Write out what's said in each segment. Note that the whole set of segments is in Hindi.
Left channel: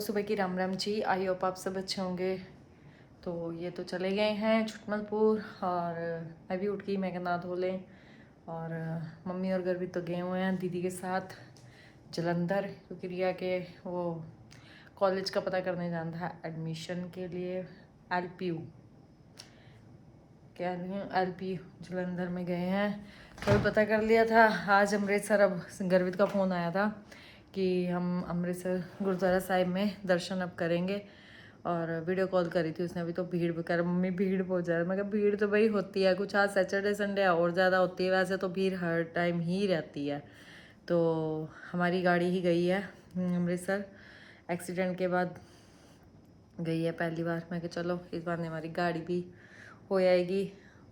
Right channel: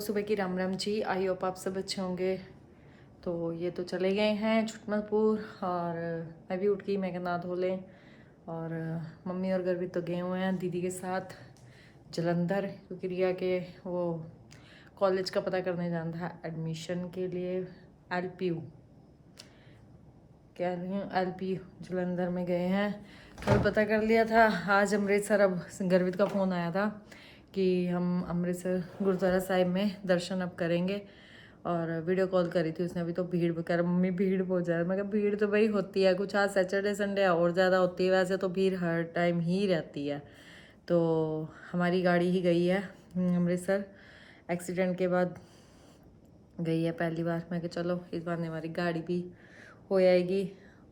सबको सुबह की राम राम जी। आई होप आप सब अच्छे होंगे। तो ये तो चले गए हैं छुटमलपुर और मैं भी उठ गई, मैं नहा धो लें। और मम्मी और घर भी तो गए हुए हैं दीदी के साथ जलंधर, क्योंकि रिया के वो कॉलेज का पता करने जाना था एडमिशन के लिए। LPU क्या LPU जलंधर में गए हैं। तो अभी पता कर लिया था आज अमृतसर। अब गर्वित का फ़ोन आया था कि हम अमृतसर गुरुद्वारा साहिब में दर्शन अब करेंगे, और वीडियो कॉल करी थी उसने अभी। तो भीड़ कर मम्मी भीड़ हो जाए, मैं कहा भीड़ तो भाई होती है, कुछ आज सैटरडे संडे और ज़्यादा होती है, वैसे तो भीड़ हर टाइम ही रहती है। तो हमारी गाड़ी ही गई है अमृतसर, एक्सीडेंट के बाद गई है पहली बार। मैं कहा चलो इस बार हमारी गाड़ी भी हो जाएगी,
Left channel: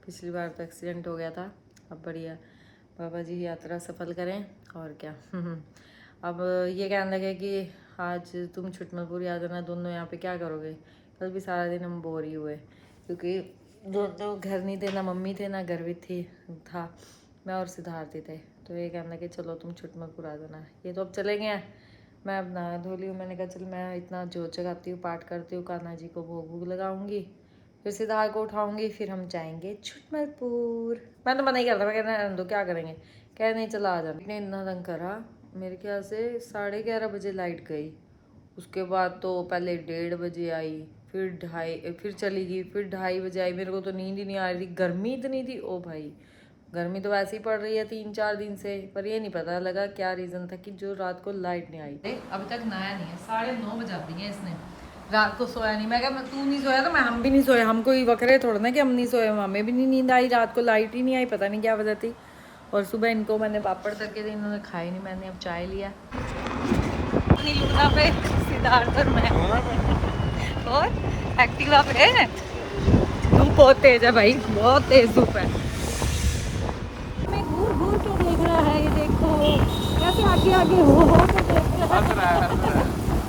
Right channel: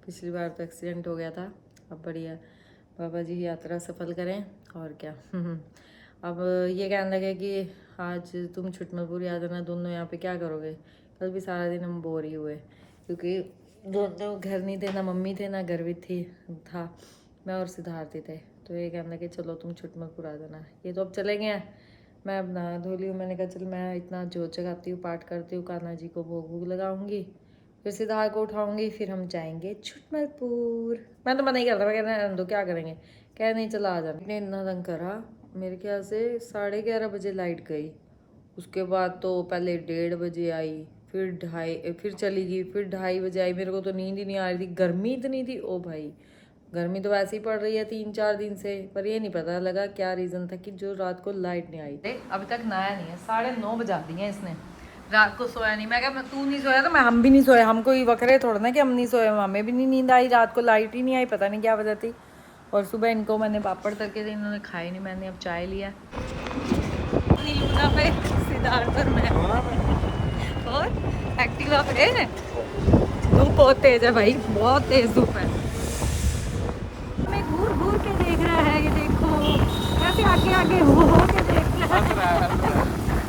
पिछली बार तो एक्सीडेंट हो गया था। अब बढ़िया, बाबा जी यात्रा सफल करें और क्या। अब ये कहने लगे कि आज तुम छुटमलपुर आ जाना, दोनों यहाँ पे क्या करोगे। कल भी सारा दिन हम बोर ही हुए, क्योंकि दोनों घर नहीं थे, ना मम्मी थे ना घर भी था, मैं और सिद्धार्थ थे। तो ये कहने लगे चलो तुम छुटमलपुर आ जाना। ये तो अब चले गए हैं, मैं अब नहा धो ली हूँ। मैंने कहा चल मैं इतना जोत जगाती हूँ, पाठ करती हूँ, कान्हा जी को भोग भोग लगाऊंगी, फिर सिद्धार्थ को उठाऊंगी, फिर हम जाएंगे छुटमलपुर। मैं तो मना ही करता, मैं कहना दो क्या करेंगे, कह नहीं चला आ जाना। इतना तंग करा, मेरे ख्याल से 11:30 बजे लाइट गई। उसके बाद तो पहले 1:30 बजे आई, फिर 2:30, फिर चली गई, फिर 2:30 बजे आई। मेरे को तो नींद ही नहीं आ रही थी, गर्मी इतनी थी। ओ भाई, गर्मी तो वैसे ही पड़ रही है 3-4 दिन से, पर ये नहीं पता लगा क्या रीज़न था कि जो रात को लाइट नहीं आई। अभी तक नया नहीं है, 9:30 बजा दी हैं इसने, रात को सोया नहीं। मैं क्या तू नहीं सोया तो मैं हम भी नहीं सोए, हम कोई वकरे थोड़ा ना कि हम नहीं सोए, हमें भी नहीं नींद आई, रात को लाइट ही नहीं आई, पता नहीं क्या वजह थी। और सुबह इनको मैंने पापड़ तक के थे, इन्होंने खाए नहीं, मैंने अब चाय लिया। पे सिद्धार्थ और मैं और एक्टिवा पे। धूप बहुत तेज है भाई, बहुत तेज धूप है। मैं घूर घूर के देख रहा है, ये देखो कैसे आगे आगे हो के देख रहा है,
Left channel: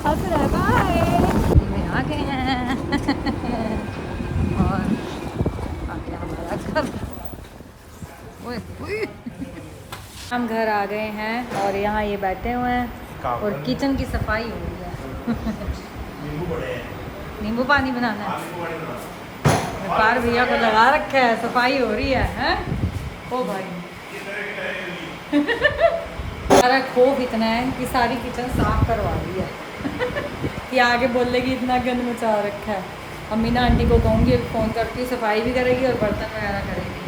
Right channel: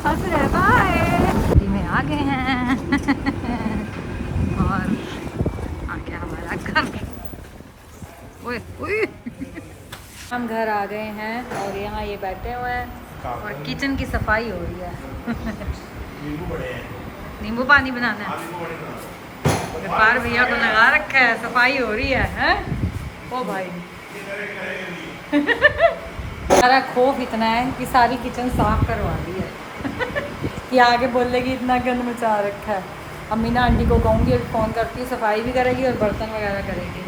हंस रहा है। में आ गए हैं और आ गया हमारा घर। हम घर आ गए हैं और यहाँ ये बैठे हुए हैं और किचन की सफाई हो रही है। नींबू पानी बनाना है, व्यापार भैया को लगा रखा है, सफाई हो रही है, हैं? ओ भाई सारा खौफ इतना है कि सारी किचन साफ करवा दी है कि आगे बोलेगी इतना गंद मचा रखा है। अम्मी ना आंटी को कहूँगी, फ़ोन करती हूँ, सफाई भी करेगी और बर्तन वगैरह करेगी।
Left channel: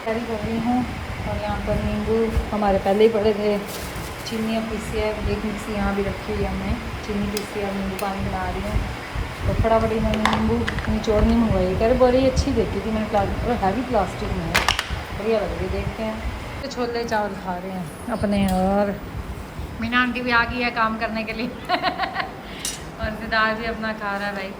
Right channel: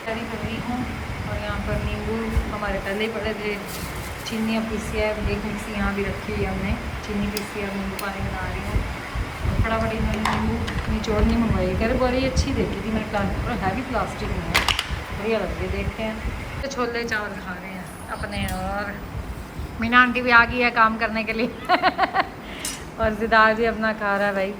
तैयारी कर रही हूँ। और यहाँ पर नींबू हमारे पहले ही पड़े थे, चीनी अब पीसी है, एक मिक्सी यहाँ भी रखी हुई है हमने, चीनी पीसी, अब नींबू पानी बना रही हूँ। तो फटाफट इन्होंने नींबू निचोड़ नहीं मंगवाई, कह रहे बड़ी अच्छी देखी थी मैंने, प्लास्टिक और हैवी प्लास्टिक में है, बढ़िया लग रही है। देखते हैं। तो छोले चावल खा रहे हैं अपने, और मीना आंटी भी आ गई है काम करने के लिए और सिद्धार्थ भी अपना खा रहा है। भाई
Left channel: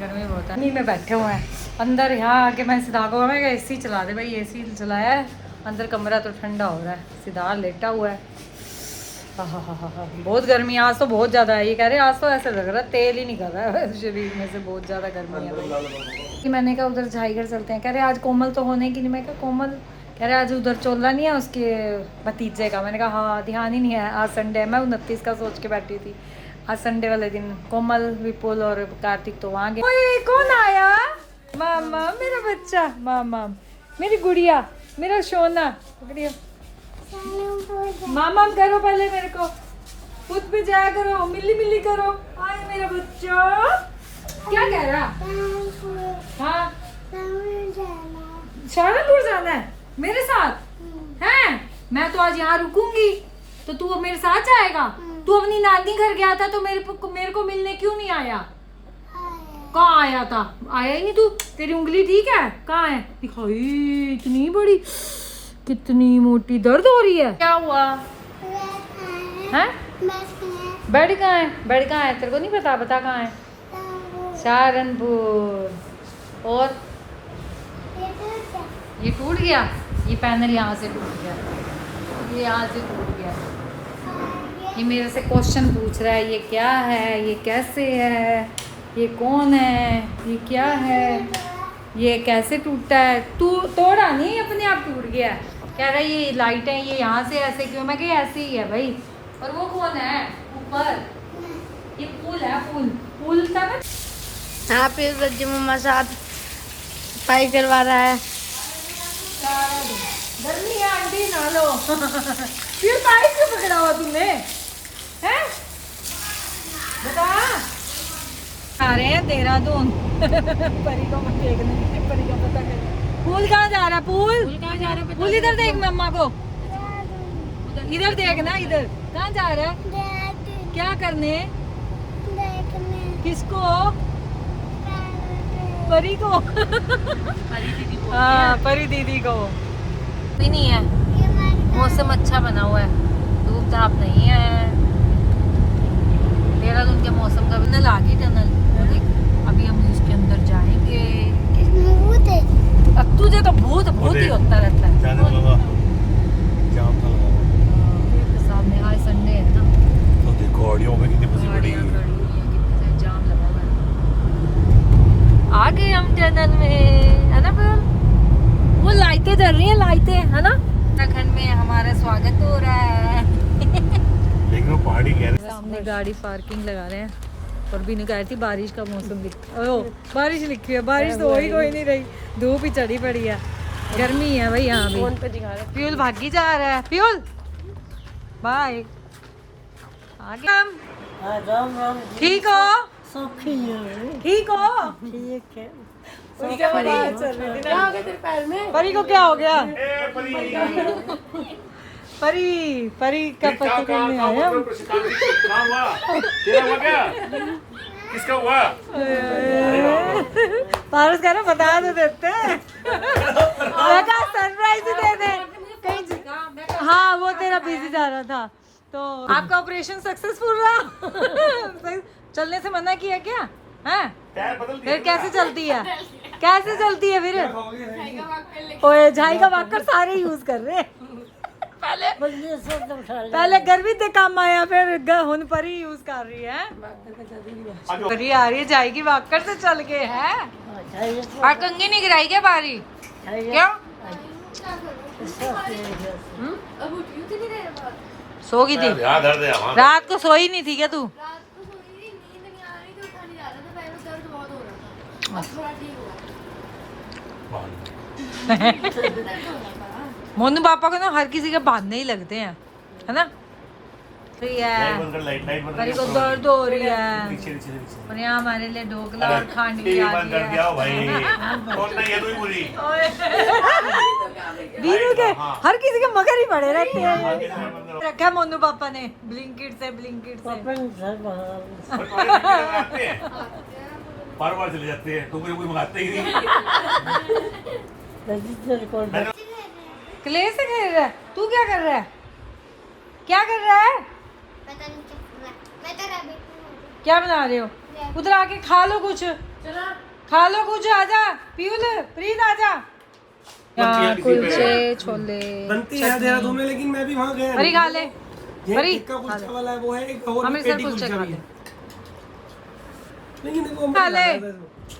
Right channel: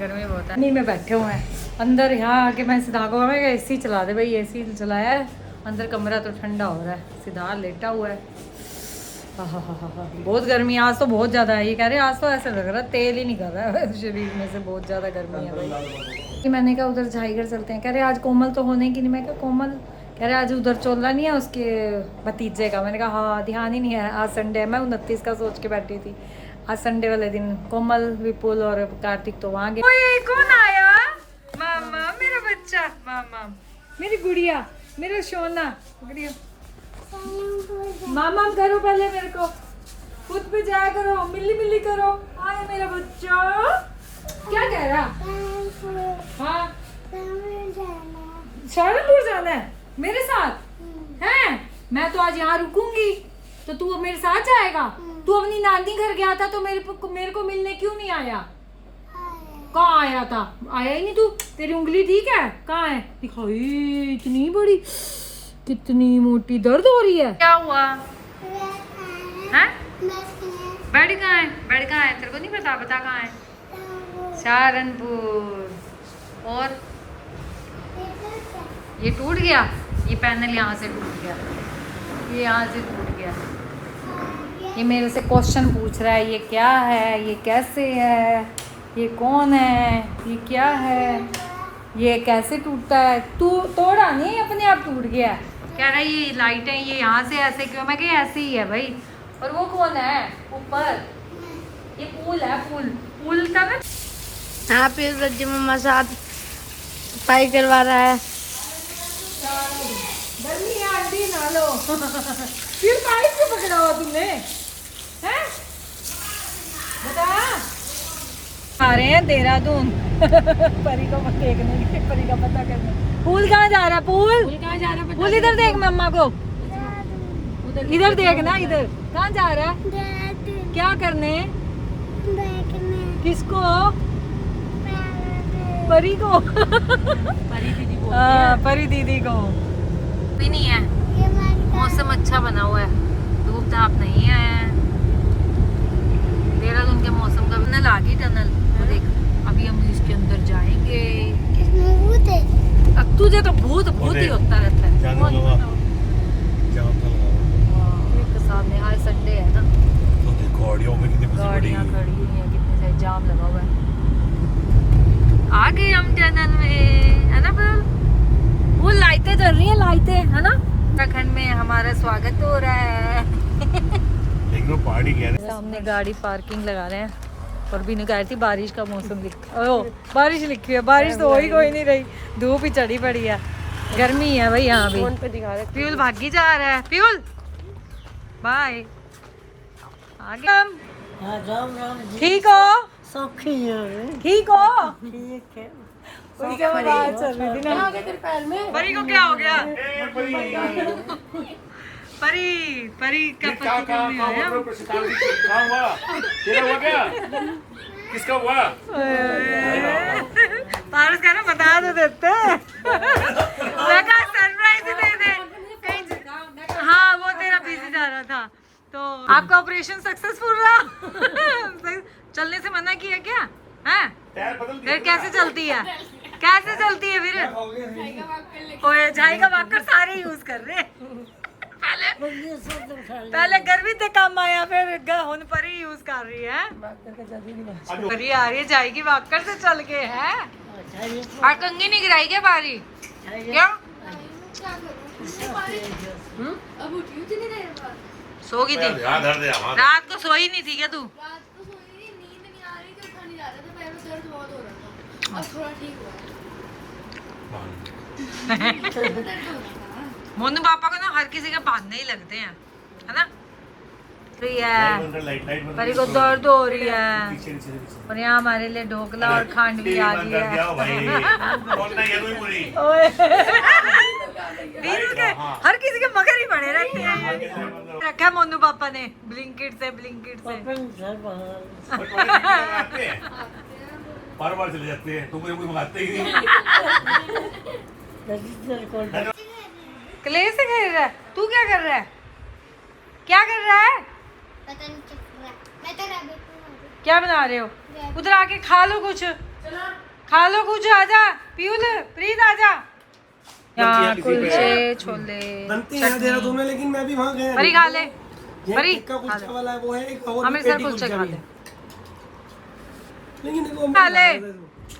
गर्मी बहुत है, नहीं में बैठे हुए हैं अंदर। यहाँ आके मैं सिद्धार्थ को AC चला दे, भाई AC चलाया है, अंदर कमरा तो ठंडा हो रहा है, सिद्धार्थ लेटा हुआ है। हाँ, बहुत गर्मी आज तो बहुत ज़्यादा है। ये कह रहे हैं आज तो ऐसा लग रहा है तेल ही निकल रहा है शरीर में से, बहुत ज़्यादा गर्मी है भाई। मैंने कहा उधर झाईगढ़ चलते हैं, कह रहे आज कोमल तो होने की नहीं। मैं कहा कोमल, कह रहे आज उधर चोला नहीं है उसके भतीजे का। मैंने कहा हाँ, ध्यान ही नहीं है, आज संडे है। मैं 29 का सोच के बैठी थी, आज संडे वाले दिन कोमल, विपुल और कार्तिक तो वहाँ गए। ओए कौन आया? मामा मेरा बच्चा, मामा मेरी गुड़िया, मेरा सोना गुड़िया। मामा करो पहले, मेरे को खुद पे जाया करो, मिली मिली करो। आए मेरा बच्चा, क्या कह रहा? हाँ सहारनपुर जाना है मेरे साथ हैं? मैं तो आज यहाँ रुकूंगी, तो तू अब मेरे साथ जाएगा? तू अपनी नानी घर गया था तो मेरे को मिलने क्यों नहीं आया? कहाँ आया था? आया ही नहीं तू, तेरी उंगली ठीक है? कहाँ है दिखाई? इतनी बड़ी, कितनी मोटी, दर्द हो रही है? क्या हुआ है? बेड कहाँ है? बेड कहाँ है? तेरे को नहीं पता? बता कहाँ है? सहारनपुर। और ये टूट गया, ये पैनल यहाँ से टूट गया, ये यहाँ से टूट गया। ये मेरे से क्वेश्चन पूछ रहा है, ये क्या है, ये कैसे है, ये कौन है, ये क्या है, ये कैसे टूटता है? तू तोड़ा नहीं, अपने आप टूट गया। कह रहा है ये लाइट है, ये यहाँ से ऐसे क्यों? मैं कही ऐसे ही है भाई। और वो कौन है ऊपर? ये पूल है, पूल था ना। यहाँ पे रज्जू मम्मा साथ सफाई करवा रहा है। गर्मी है आंटी, नहा लो। फिर पाइप क्यों पकड़ा हुआ तुमने, हैं? बता। आ रहे हैं देहरादून परी को देखने, परी का पता करने। पूल कहाँ जा रहा है? पूल कहाँ जा रहा है? पूल इधर देख मम्मा को, इधर देख ना, इधर कहाँ जा रहा है? क्या करने? किसको? परी को। परी दीदी को भी नहीं है। मौसम अच्छा बना हुआ है, धूप धाप नहीं है। देहरादून के मौसम का टनल आ गई, टनल वो देख। अभी हम इसके अंदर जाएंगे। अब तुझे तो भूत ही होता रहता है। सामने आज संडे है ना, गाड़ियाँ खड़ी हुई हैं, जाम लगा हुआ है। आ गए हम टनल में, है ना फिर? वो लाइटें जल रही हैं, लाइटें, है ना? उत्तराखंड में हमारा स्वागत हो रहा है। सामने गाड़ी पार्किंग लगा रहे हैं। और भी नहीं कह रही थी बारिश का मौसम बारिश लिखी है, बारिश तो हो ही कोई नहीं रही, धूप ही चढ़ी पड़ी है, गर्मी है भाई यहाँ भी। प्यूल भागी जा रहा है, प्यूल बाय। आगे हम ठीक हो? ठीक हो? ठीक है। क्या हो गया तेरे पैर में? परी को क्या हो गया? परी का पति करने आया। किसका हुआ? पारस कह रहा बता तो देते। सरप्राइज दे दे। हाँ वो तेरा बिजी जा रहा था, तो आपका ऑपरेशन सक्सेसफुल रहा। चलने से मना किया क्या? हैं? फिर कैसे चलती है? कैसे चलती है फिर? ओए झाई का वाकर सारे यूज कर रहे हैं। पहले गर्मी ते काम आया, फिर हुन पर ही यूज कर रही है। परी आ रही है जाएगी वाकर से चल के, है? और कंगी नहीं गिराई क्या बारी? क्यों? सो गई थी रात को? सोई नहीं थी क्या तू? मोनू पापा को ना हर किसी के बहाने ही लगते हैं, है ना? परी को दर्द हो रही है, और यहाँ हमारे लिए ढोकला और खांड भी आ गई है। बीनू के हर किसी के मगर ही पड़े रहते हैं। रखा है मोनू पापा ने ब्लिंकिट से बार चले जाते हैं, तो कोई मंगाते ही नहीं। क्ले से खेल रहा है तू? क्या कर रहा है? क्या कर रहा है? पता नहीं क्या कर रहा है। मैं तो रैबिट हूं। क्या बना रहे हो? उधर आके खा लो कुछ, खा लो कुछ। आजा पीयूल, प्रीत आजा। यहाँ कुलचे छोले देहरादून में, लेकिन मैं भी वहाँ गया। परी खा ले, परी कुलचा वाला है वो है, एक और हमें सर कुलचे खा ले, लेकिन देखो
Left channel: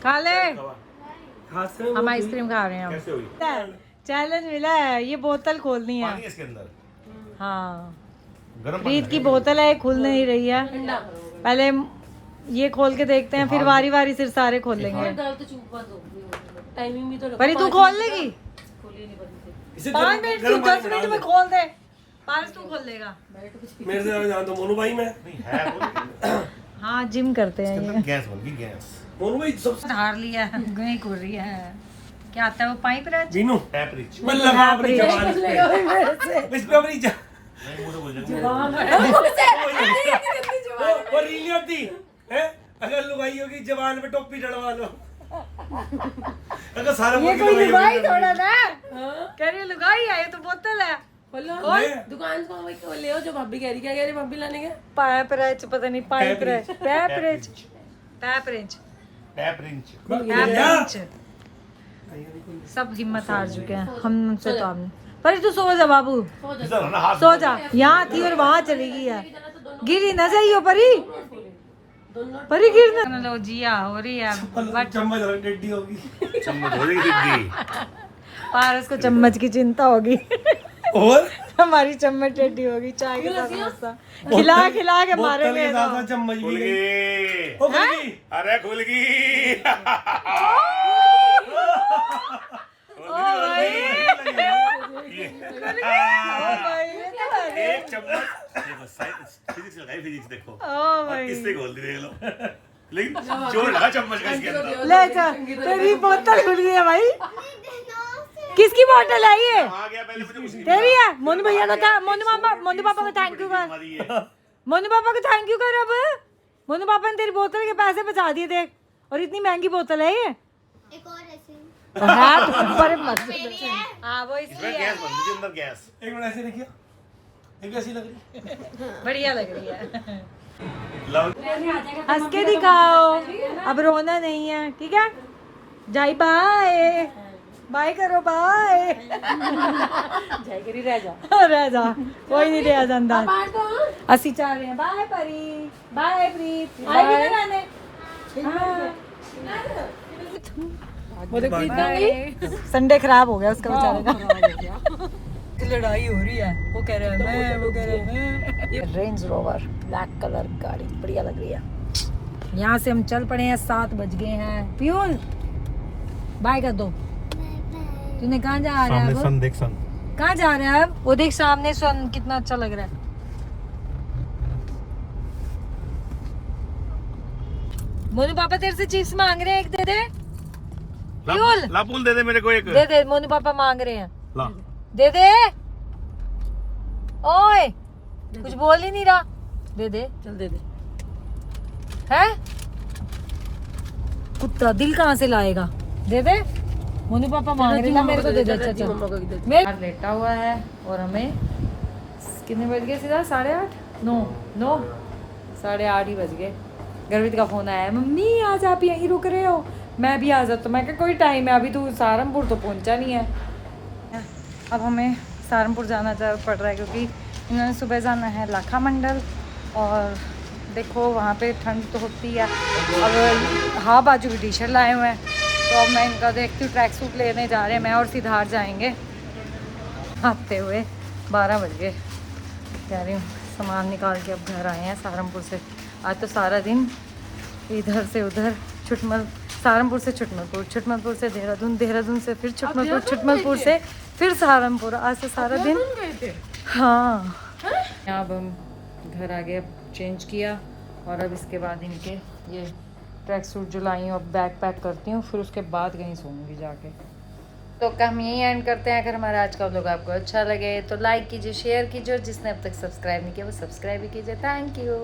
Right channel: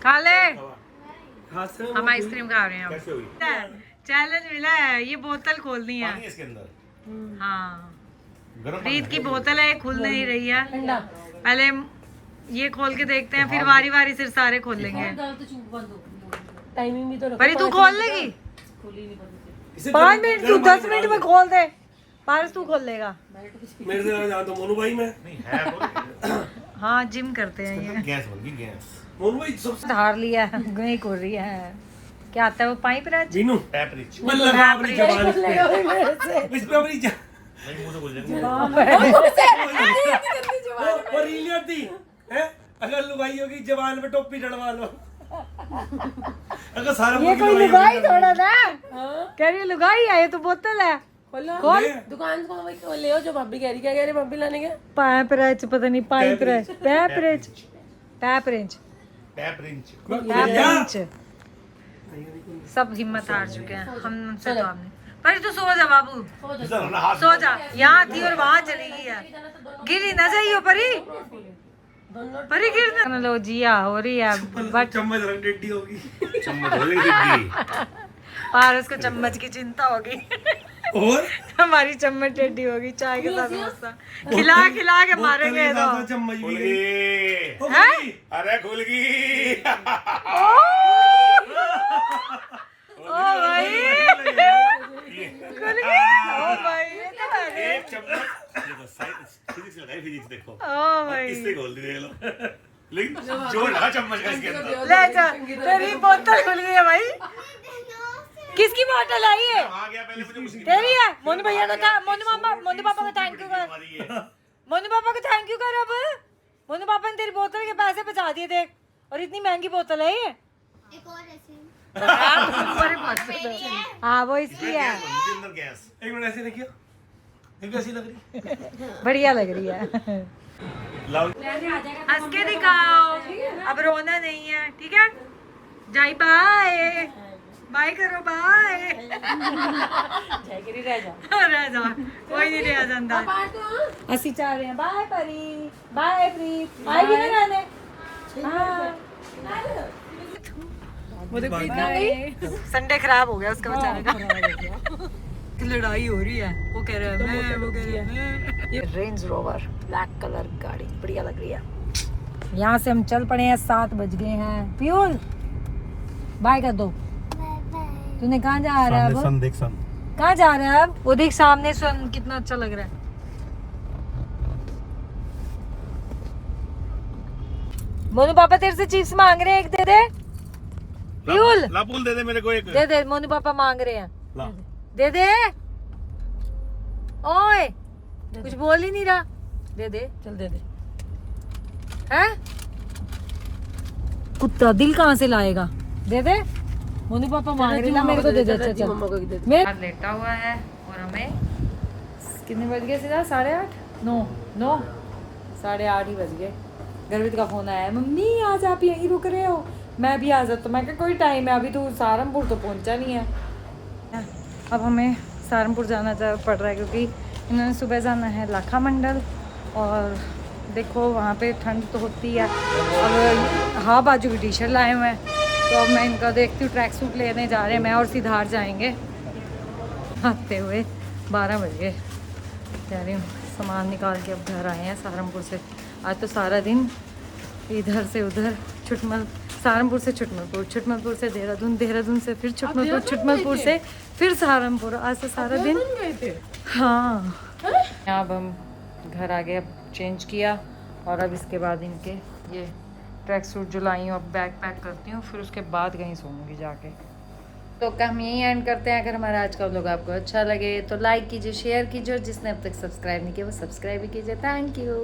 खा ले। हाथ से हम आइसक्रीम खा रहे हैं। चैलेंज मिला है, ये बोतल खोलनी है। पानी इसके अंदर हाँ गरम प्रीत की बोतल है, खुल नहीं रही है। पहले ये खोल के देखते हैं, फिर वारी वारी से सारे खोल लेंगे। परी तू खोल लेगी? इसे 5 मिनट गरम पानी 10 में डाल मिनट दे। में खोल दे। पारस तू खोल लेगा? मेरे से जान दो मोनू भाई। मैं हाँ जिम करते हैं ये। गैस बन गई, गैस। मोनू भाई सब धार लिया है, नहीं खुल रही है। क्या आता है वो पाइप राज? जीनू टैपरिच मतलब अपनी जबान इस पे अपनी और रीली होती है। अगर लुगाई होगी जबान पे टोपी डलवा लो। अगर सारा मुर्गी लुगाई होगी कह रही है लुगाई है, तो बोतल है। दुकान को वही खोल ले जो भाभी कह रही, क्या कह रही भाभी लाने का? पाइप राज पता नहीं, पाइप राज, टैप रेंच, टैप रेंच, टैपरिच टैप रेंच। सब हिम्मत हार चुके हैं, हमसे तो हमने। पर तू सो जा बाबू, इधर है ना, हाथ सो जा। यहाँ थी और वहाँ चली गई है। गिरी ना जाइयो परी, परी गिर ना लो। जिया हो रही है बट चम्मच रंडेडी होगी। चम्मच हो जाएगी दीदी। पारस को चम्मच की चिंता होगी। और हमारी चम्मच टेढ़ी होगी चाय के साथ समोसा खिला खिला के मारेंगे तो चम्मच भी खुल गई। गई। ओ गई। अरे खुल गई। ओ भाई ओ भाई ये तो है। एक चम्मच देखो साइंस फिजिक्स लगाई फिजिक्स देखो ओ भाई किससे खोल दी देख लो लेकिन जोर लगा चम्मच का इसके अंदर ले जा तेरी बोतल खुली है भाई किसकी बोतल है ये आ गया पहले से कुछ तेरी है मोनू भैया को मोनू पापा को थैंक यू कर हमारी है मोनू पापा को थैंक यू कर अब मोनू पापा ने तेरी बोतल के पैसे बचा दिए थे और इतनी महंगी बोतल है ये एक और ऐसे ऊपर मत हाँ वो इसमें इसलिए गैस बन रही अंदर गैस एक मिनट ऐसे देखिए ये कैसी लग रही बढ़िया लग रही है लाउड हंस के दिखाओ अब रोना नहीं है ठीक है जाई बाय बाय करो बाय रह जा कोई नहीं रह जाता ਅਸੀਂ चाह रहे हैं बाय परी बाय प्रीत आएगी ना गाने संडे खराब हो गया उसका बेचारे का लड़ाई हो रही है वो कह रहे हैं मैं वो कह रहे हैं ये रेंज रोवर ब्लैक कलर गाड़ी बढ़िया लग रही है यहाँ से हम चल पड़े हैं 7 बज गए हैं प्यूल बाय कर दो तूने कहाँ जा रहा है अब देख सन कहाँ जा रहा है वो देख सामने सन कितना अच्छा लग रहा है मोनू पापा तेरे से चिप्स मांग रहे हैं एक दे दे प्यूल लापुल दे दे मेरे को एक दे दे मोनू पापा मांग रहे हैं ला दे दे ओए कुछ बोल ही नहीं रहा दे दे चल दे दे हैं कुत्ता दिल कहाँ से लाएगा दे दे मोनू पापा मांग रहे ना मेरे को दे दे अच्छा चल मेरे लेटा हुआ है और हमें कितने बज गए सीधा 8:30 9 8:30 ही बज गए गर्वित का फोन आया है मम्मी आज आप यहीं रुक रहे हो मैं भी आ जाता हूँ मैं कहा कोई टाइम है अभी तो सहारनपुर तो पहुँचा नहीं है अब हमें सहारनपुर जाना पड़ रहा है क्योंकि इन्होंने सुबह जाना है लाखा मंडल और देखो वहाँ पे ठंड तो होती है अब हाँ बाजू की टी शर्ट लाए हुए हैं तो अब मैं इनका देखती हूँ ट्रैक सूट लेने जा रहे हैं मैं और सिद्धार्थ जाएंगे आते हुए 12 बज गए कह रही हूँ सामान निकाल के अब घर आए हैं सहारनपुर से आज तो सारा दिन इधर से उधर छुटमल सहारनपुर से छुटमलपुर छुटमलपुर से देहरादून देहरादून से फिर छुटमलपुर छुटमलपुर से फिर सहारनपुर आज तो सारा दिन हाँ यहाँ अब हम घर आ गए अब चेंज किया और अब इसके बाद इनके ये ट्रैक सूट जो लाई हूँ अब बैग पैक करती हूँ फिर उसके बाद कहीं सोऊंगी जाके तो हम यहीं एंड करते हैं अगर हमारा आज का व्लॉग आपको अच्छा लगे तो लाइक कीजिए शेयर कीजिए और जिसने अब तक सब्सक्राइब नहीं किया वो सब्सक्राइब भी कीजिए थैंक यू